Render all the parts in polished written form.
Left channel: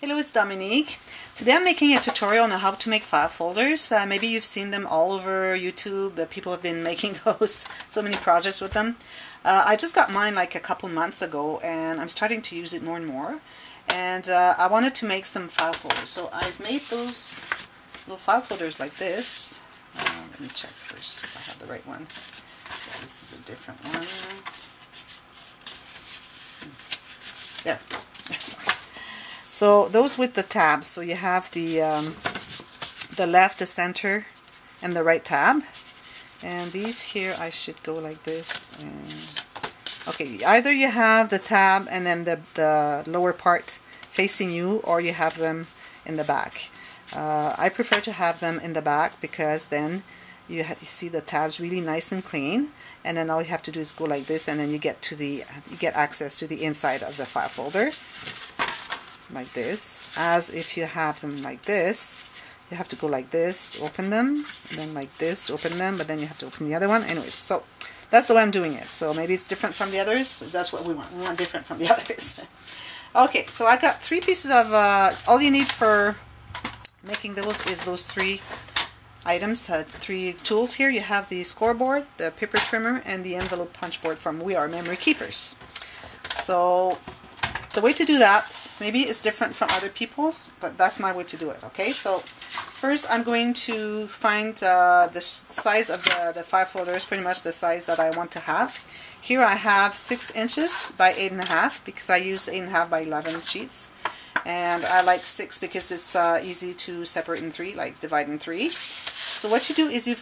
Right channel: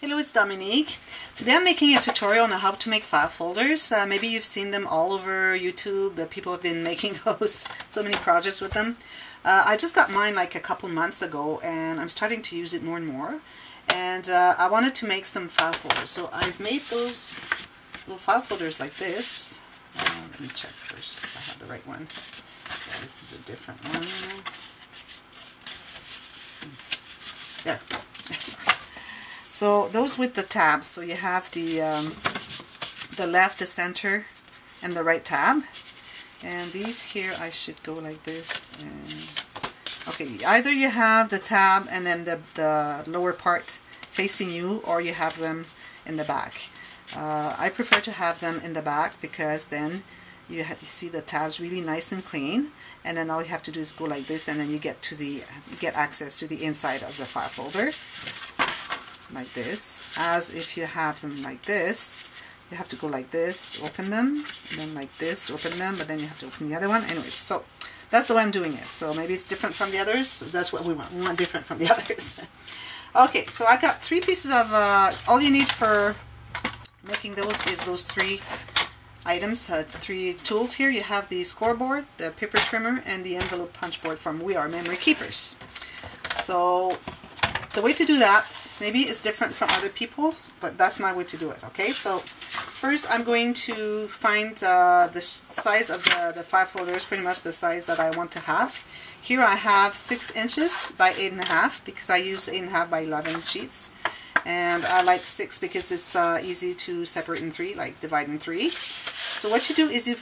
Hello, it's Dominique. Today I'm making a tutorial on how to make file folders. Maybe you've seen them all over YouTube. People have been making those, so many projects with them. I just got mine like a couple months ago and I'm starting to use it more and more. And I wanted to make some file folders. So I've made those little file folders like this. Let me check first if I have the right one. Yeah, this is a different one. There. So those with the tabs, so you have the left, the center, and the right tab. And these here, I should go like this. And okay, either you have the tab and then the lower part facing you, or you have them in the back. I prefer to have them in the back because then you see the tabs really nice and clean. And then all you have to do is go like this, and then you get access to the inside of the file folder. Like this. As if you have them like this, you have to go like this, open them, and then like this, open them, but then you have to open the other one. Anyways, so that's the way I'm doing it. So maybe it's different from the others. So that's what we want. We want different from the others. Okay, so I got 3 pieces of, all you need for making those is those 3 items, 3 tools here. You have the scoreboard, the paper trimmer, and the envelope punch board from We Are Memory Keepers. So the way to do that, maybe it's different from other people's, but that's my way to do it, okay? So first I'm going to find the size of the file folders, pretty much the size that I want to have. Here I have 6 inches by 8.5 because I use 8.5 by 11 sheets. And I like 6 because it's easy to separate in 3, like divide in 3. So what you do is you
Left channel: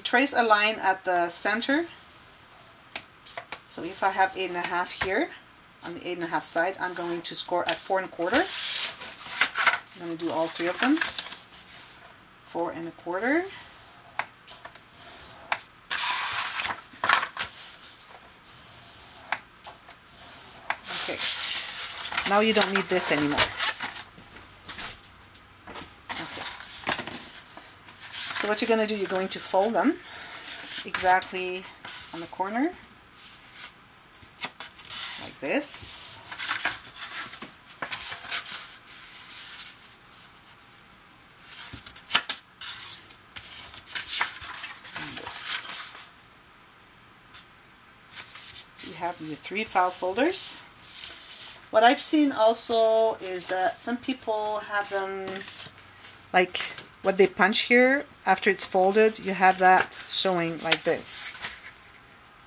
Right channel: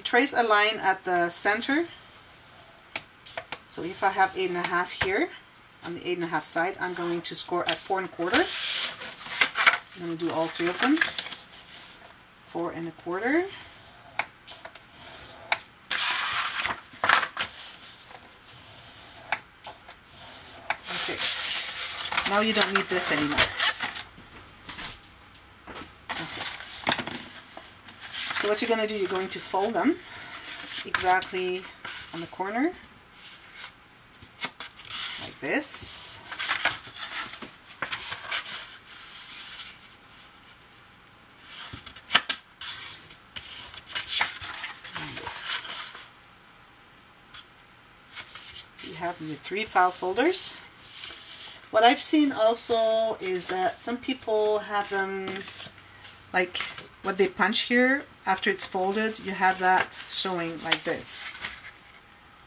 trace a line at the center. So if I have 8.5 here, on the 8.5 side, I'm going to score at 4.25. I'm going to do all 3 of them. 4.25. Okay. Now you don't need this anymore. Okay. So what you're going to do, you're going to fold them exactly on the corner. This. And this. You have your 3 file folders. What I've seen also is that some people have them like what they punch here after it's folded, you have that showing like this,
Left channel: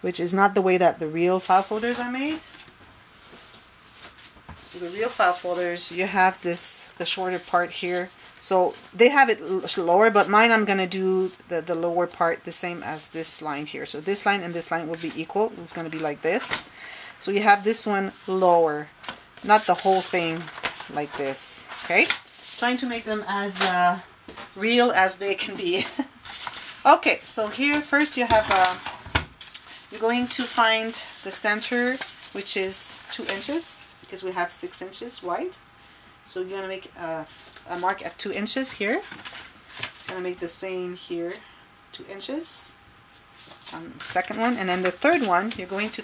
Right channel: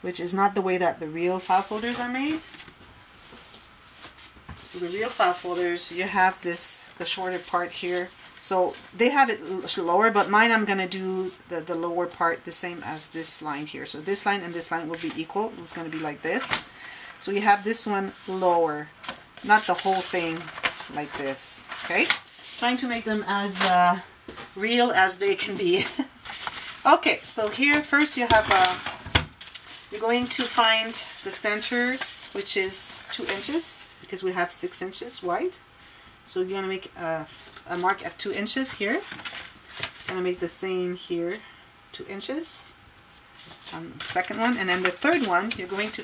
which is not the way that the real file folders are made. So the real file folders, you have this, the shorter part here. So they have it lower, but mine I'm going to do the lower part the same as this line here. So this line and this line will be equal. It's going to be like this. So you have this one lower, not the whole thing like this. Okay? Trying to make them as real as they can be. Okay, so here first you have you're going to find the center, which is 2 inches. Because we have 6 inches wide. So you're going to make a mark at 2 inches here. Going to make the same here, 2 inches on the second one. And then the third one, you're going to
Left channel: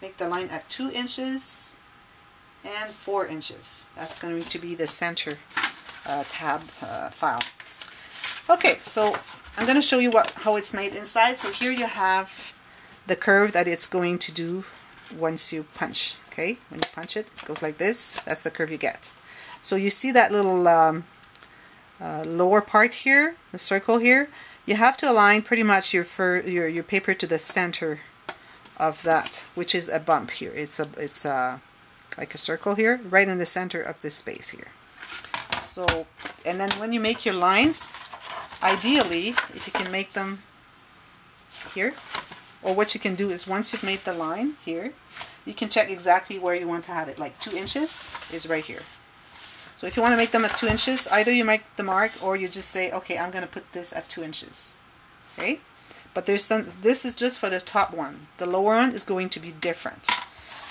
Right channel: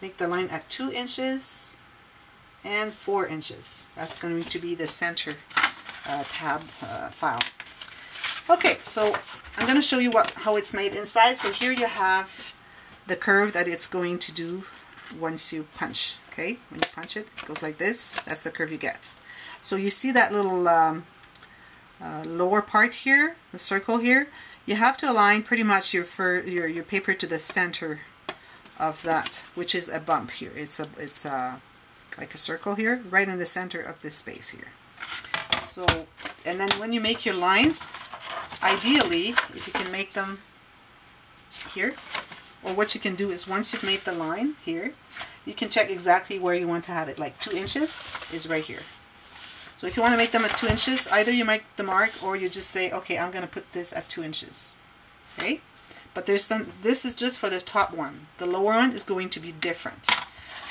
make the line at 2 inches and 4 inches. That's going to be the center tab file. Okay, so I'm going to show you how it's made inside. So here you have the curve that it's going to do once you punch. Okay, when you punch it, it goes like this. That's the curve you get. So you see that little lower part here, the circle here. You have to align pretty much your paper to the center of that, which is a bump here. It's like a circle here, right in the center of this space here. So, and then when you make your lines, ideally, if you can make them here, or what you can do is once you've made the line here, you can check exactly where you want to have it. Like 2 inches is right here. So if you want to make them at 2 inches, either you make the mark or you just say, okay, I'm going to put this at 2 inches. Okay? But this is just for the top one. The lower one is going to be different.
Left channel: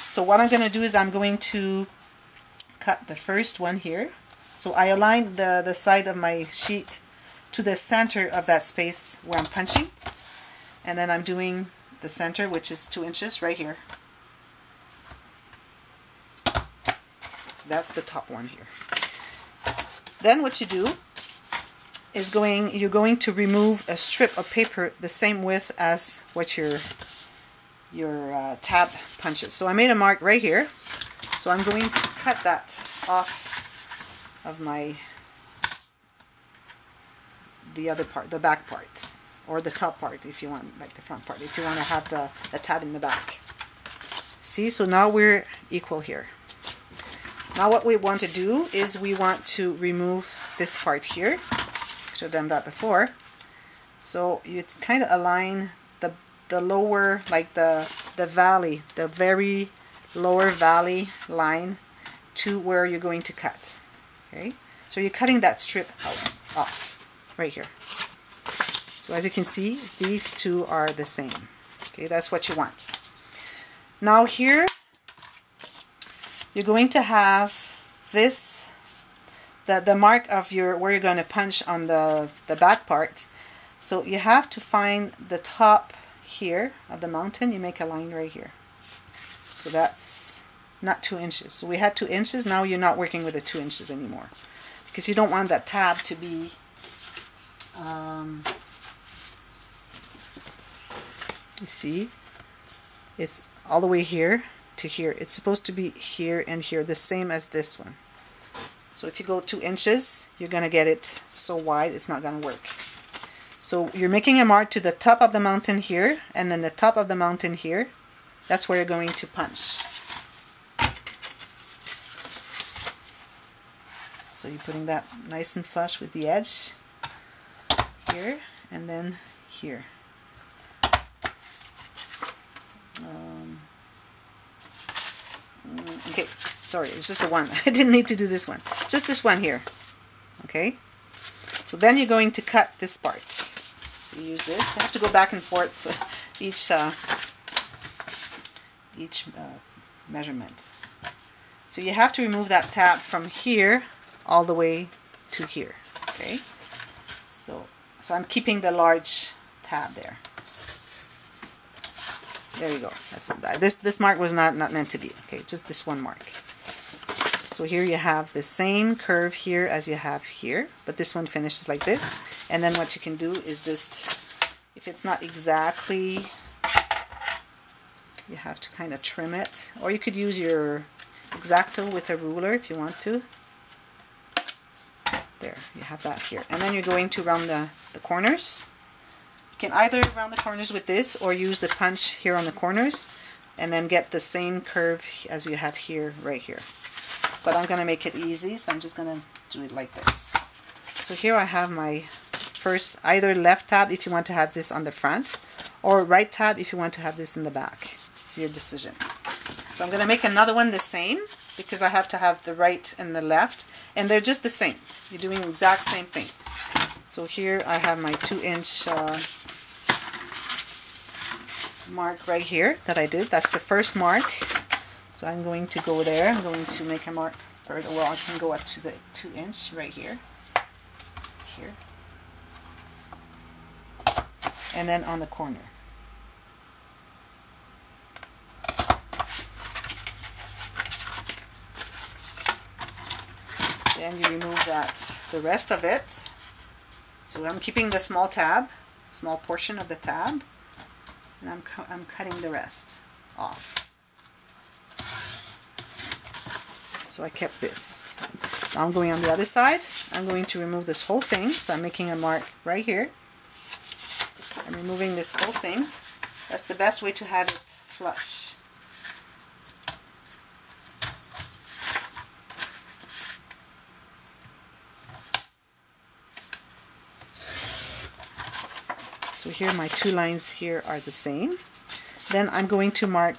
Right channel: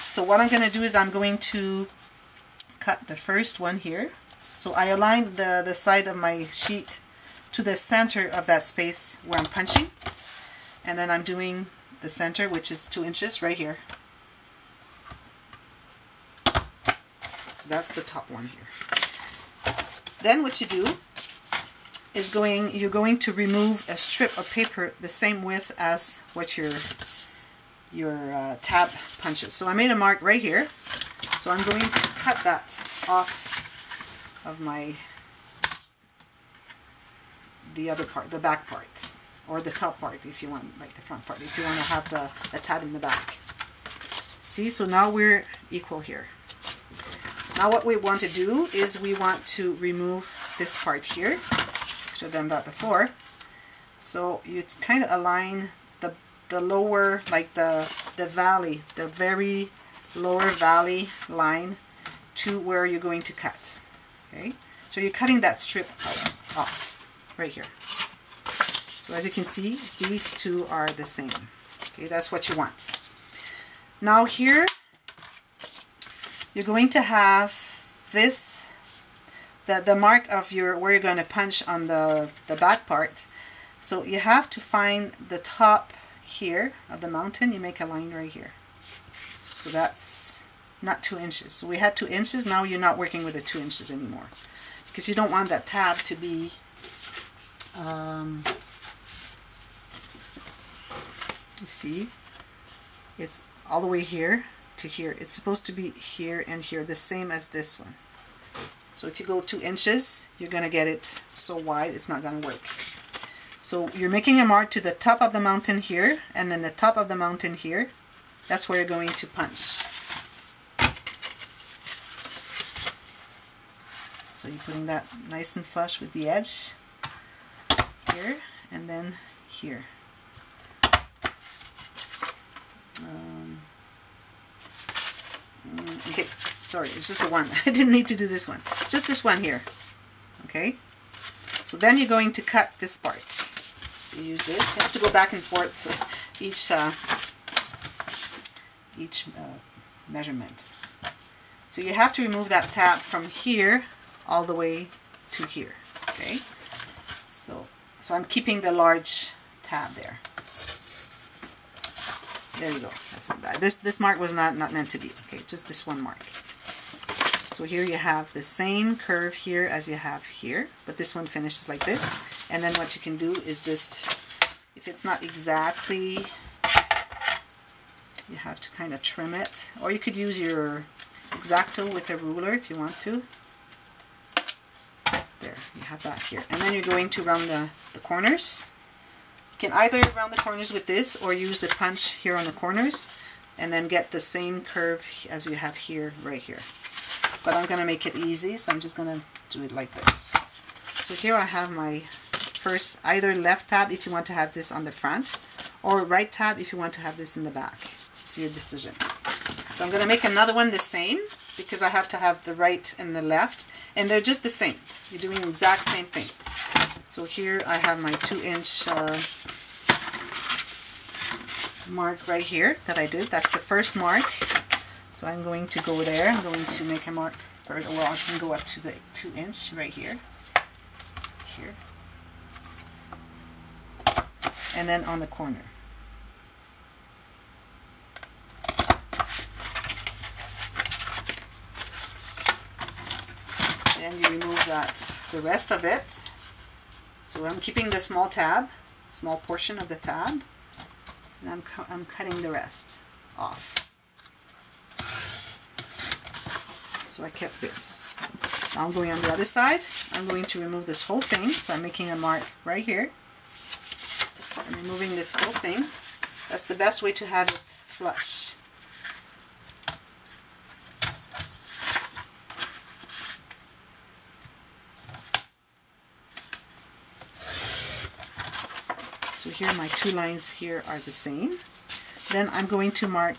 So what I'm going to do is I'm going to cut the first one here. So I align the side of my sheet to the center of that space where I'm punching. And then I'm doing the center, which is 2 inches right here. So that's the top one here. Then what you do is you're going to remove a strip of paper the same width as what your tab punches. So I made a mark right here. So I'm going to cut that off of the other part, the back part, or the top part if you want, like the front part, if you want to have the tab in the back. See, so now we're equal here. Now what we want to do is we want to remove this part here. Should have done that before. So you kind of align the lower, like the valley, the very lower valley line to where you're going to cut. Okay, so you're cutting that strip off right here. So as you can see, these two are the same. Okay, that's what you want. Now here you're going to have this, the mark of where you're going to punch on the back part. So you have to find the top here of the mountain. You make a line right here. So that's not 2 inches. So we had 2 inches. Now you're not working with the 2 inches anymore, because you don't want that tab to be you see, it's all the way here to here. It's supposed to be here and here, the same as this one. So if you go 2 inches, you're going to get it so wide, it's not going to work. So you're making a mark to the top of the mountain here, and then the top of the mountain here. That's where you're going to punch. So you're putting that nice and flush with the edge here, and then here. Okay, sorry, it's just the one. I didn't need to do this one. Just this one here. Okay? So then you're going to cut this part. You use this. You have to go back and forth for each measurement. So you have to remove that tab from here all the way to here. Okay? So I'm keeping the large tab there. There you go. That's not bad. This mark was not meant to be. Okay, just this one mark. So here you have the same curve here as you have here, but this one finishes like this. And then what you can do is just, if it's not exactly, you have to kind of trim it. Or you could use your X-Acto with a ruler if you want to. There, you have that here. And then you're going to round the corners. You can either round the corners with this or use the punch here on the corners and then get the same curve as you have here, right here. But I'm going to make it easy, so I'm just going to do it like this. So here I have my first, either left tab if you want to have this on the front, or right tab if you want to have this in the back. It's your decision. So I'm going to make another one the same, because I have to have the right and the left, and they're just the same. You're doing the exact same thing. So here I have my 2-inch mark right here that I did. That's the first mark. So I'm going to go there. I'm going to make a mark further. Well, I can go up to the 2-inch right here. Here. And then on the corner. Then you remove the rest of it. So I'm keeping the small portion of the tab, and I'm cutting the rest off. So I kept this. Now I'm going on the other side. I'm going to remove this whole thing. So I'm making a mark right here. I'm removing this whole thing. That's the best way to have it flush. So here my 2 lines here are the same. Then I'm going to mark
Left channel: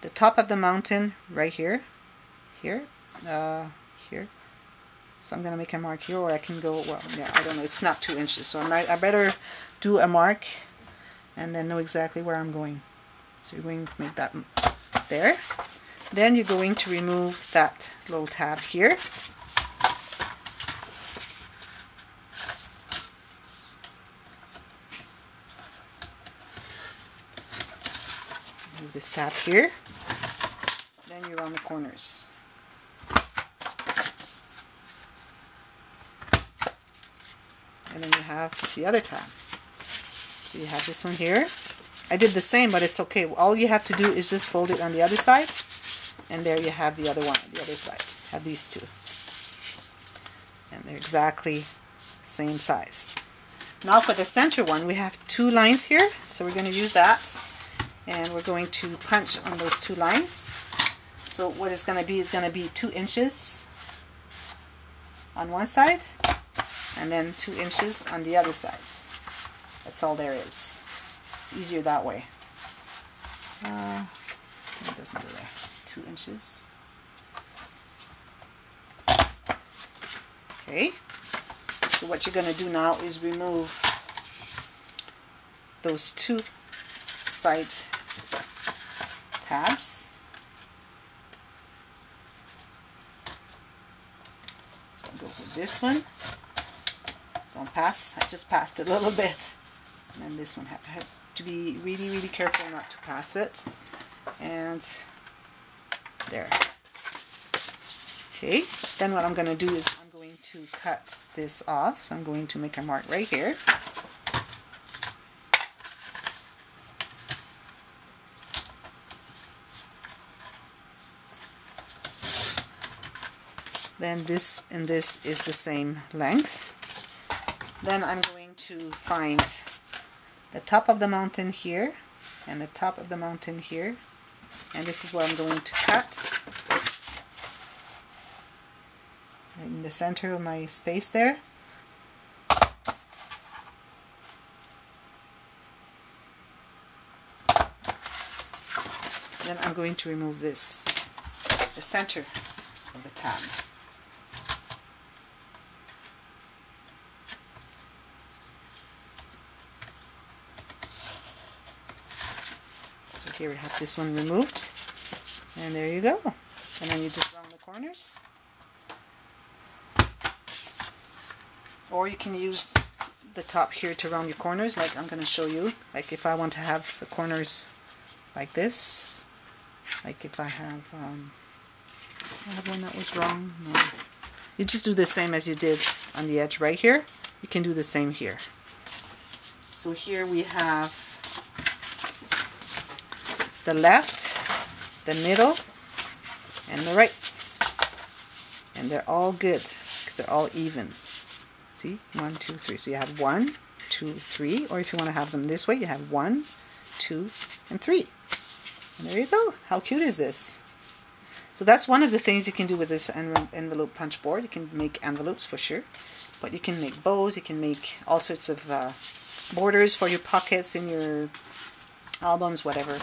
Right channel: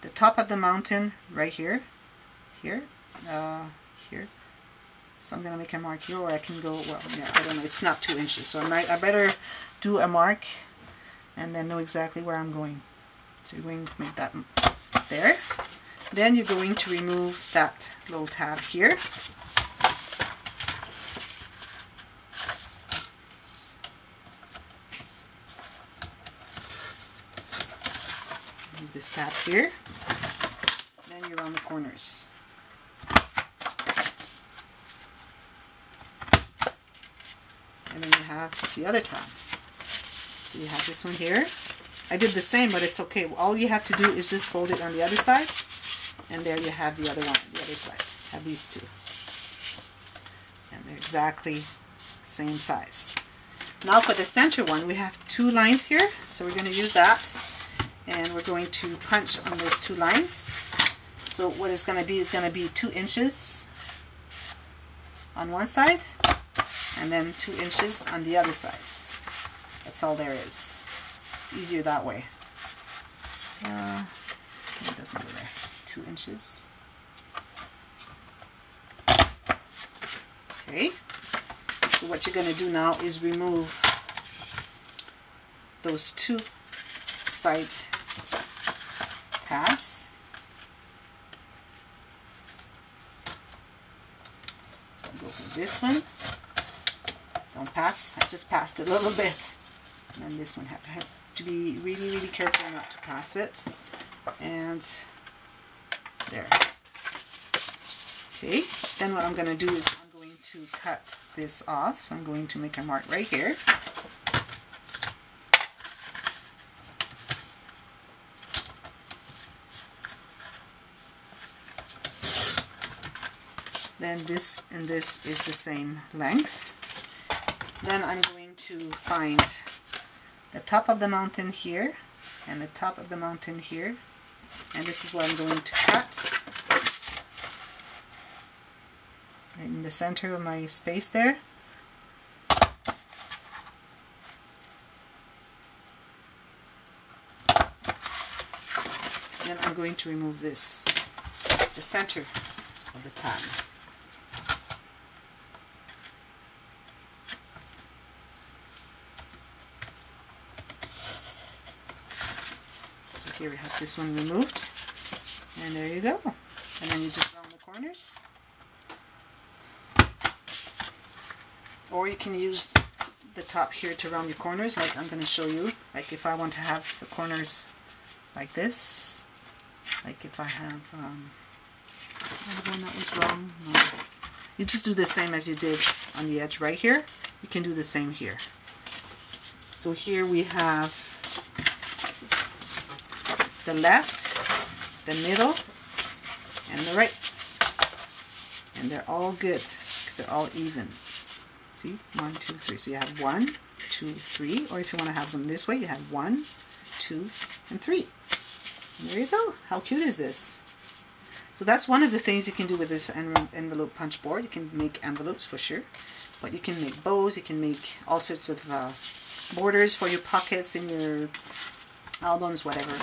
the top of the mountain right here, here. So I'm going to make a mark here, or I can go, well, yeah, I don't know, it's not 2 inches, so I better do a mark and then know exactly where I'm going. So you're going to make that there. Then you're going to remove that little tab here. Move this tab here. Then you round the corners. and then you have the other tab. So you have this one here. I did the same, but it's okay. All you have to do is just fold it on the other side, and there you have the other one on the other side. Have these two. And they're exactly the same size. Now for the center one, we have 2 lines here, so we're going to use that, and we're going to punch on those 2 lines. So what it's going to be is going to be 2 inches on one side, and then 2 inches on the other side. That's all there is. It's easier that way. It doesn't go there. 2 inches. Okay. So what you're going to do now is remove those 2 side tabs. So I'll go for this one. Don't pass. I just passed a little bit. And then this one have to be really, really careful not to pass it. And there. Okay. Then what I'm going to do is I'm going to cut this off. So I'm going to make a mark right here. Then this and this is the same length. Then I'm going to find the top of the mountain here and the top of the mountain here, and this is what I'm going to cut right in the center of my space there. Then I'm going to remove this, the center of the tab. Here we have this one removed, and there you go. And then you just round the corners, or you can use the top here to round the corners, like I'm going to show you. Like if I want to have the corners like this, like if I have one that was wrong. No. You just do the same as you did on the edge right here. You can do the same here. So here we have the left, the middle, and the right. And they're all good because they're all even. See? 1, 2, 3. So you have 1, 2, 3. Or if you want to have them this way, you have 1, 2, and 3. And there you go. How cute is this? So that's one of the things you can do with this envelope punch board. You can make envelopes for sure. But you can make bows. You can make all sorts of borders for your pockets in your albums, whatever.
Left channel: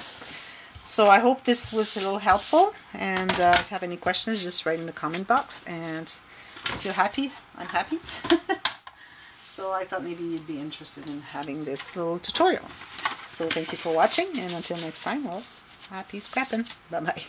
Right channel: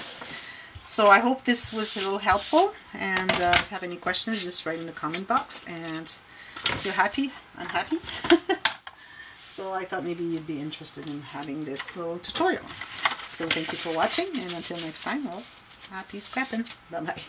So I hope this was a little helpful, and if you have any questions, just write in the comment box, and if you're happy, I'm happy. So I thought maybe you'd be interested in having this little tutorial. So thank you for watching, and until next time, well, happy scrapping. Bye-bye.